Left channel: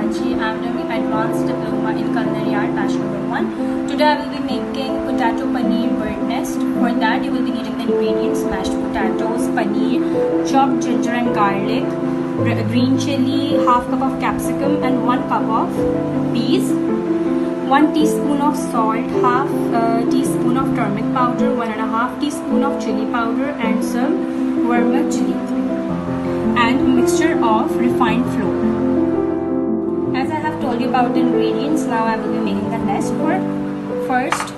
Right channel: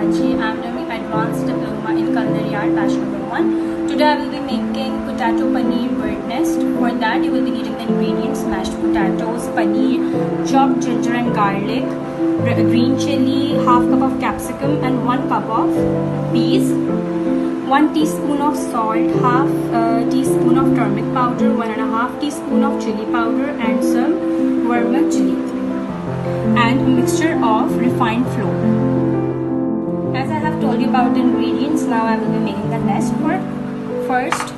Karachi. I am doing Advanced Diploma in Culinary Art, Batch number 1. Today I will be making potato paneer bird nest. For that you will be needing the ingredients: mashed potatoes, paneer, chopped ginger and garlic, green chili, half cup of capsicum and 1 cup of peas, 1 teaspoon of salt, half teaspoon of turmeric powder, 1.5 teaspoon of chili powder and some vermicelli, and a mixture of refined flour. As I have told you about the ingredients, now I will be making the nest for first.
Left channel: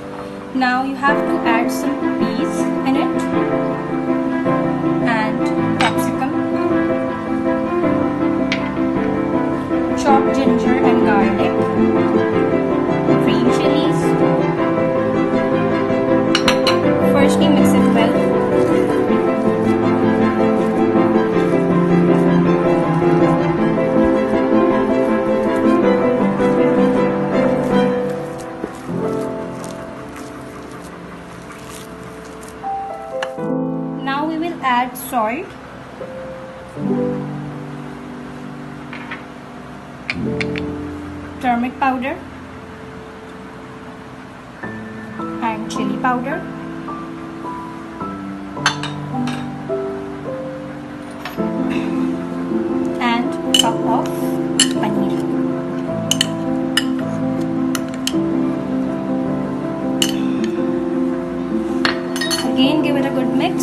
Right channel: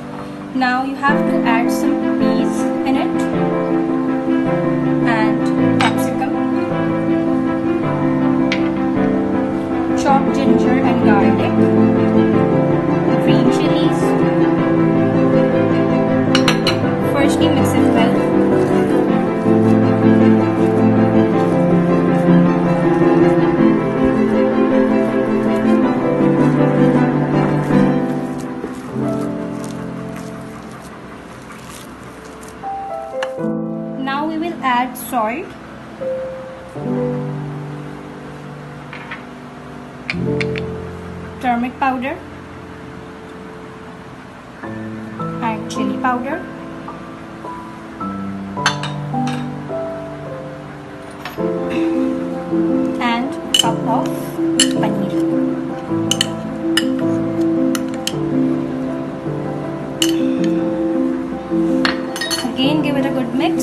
Now you have to add some peas in it and capsicum, chopped ginger and garlic, green chilies. Firstly mix it well. Now we will add salt, turmeric powder and chili powder, and cup of paneer. Again give it a good mix.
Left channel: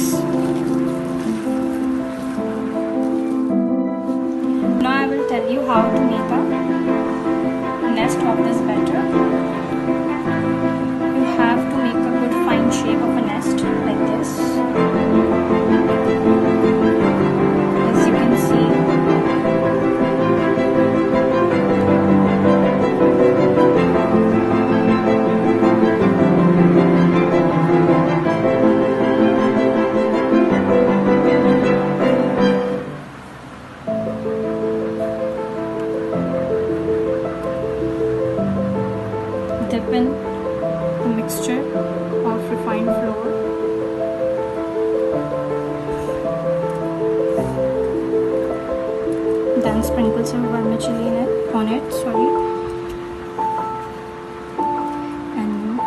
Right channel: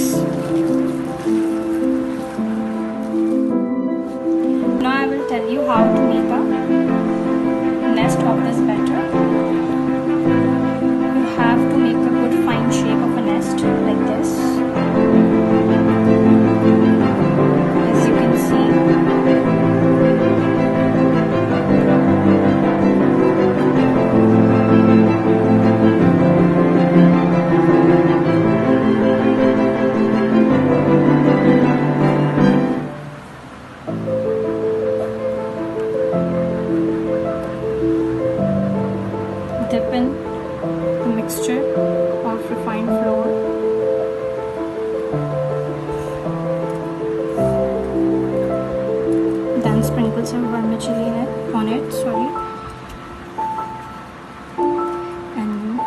Now I will tell you how to make a nest of this batter. You have to make a good fine shape of a nest like this. As you can see. Dip in the mixture of refined flour, then sprinkle some vermicelli on it, and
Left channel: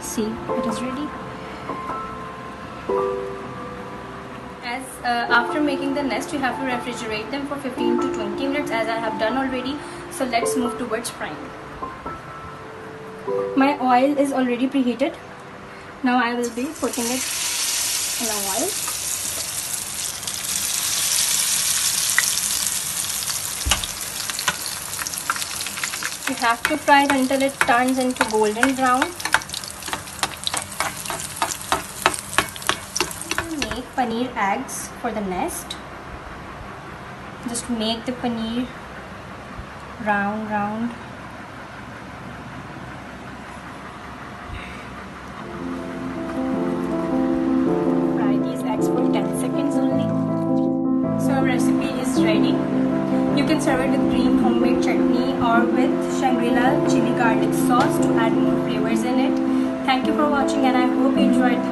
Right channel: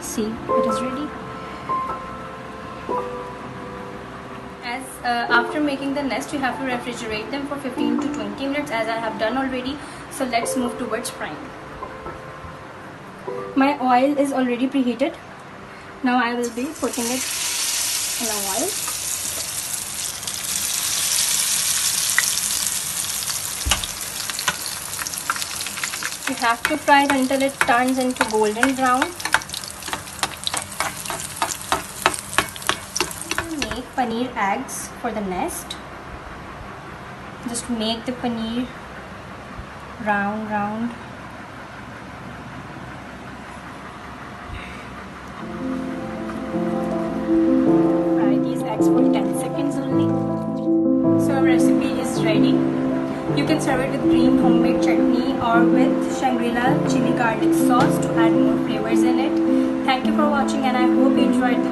see, it is ready. As after making the nest, you have to refrigerate them for 15 to 20 minutes as I have done already. So let's move towards frying. My oil is already preheated. Now I will be putting it in a oil. You have to fry it until it turns into golden brown. Make paneer eggs for the nest. Just make the paneer round. For 10 seconds only. So our recipe is ready. You can serve it with green homemade chutney or with Shangri-La chili garlic sauce to add more flavors in it. Thank you for watching and I hope you enjoyed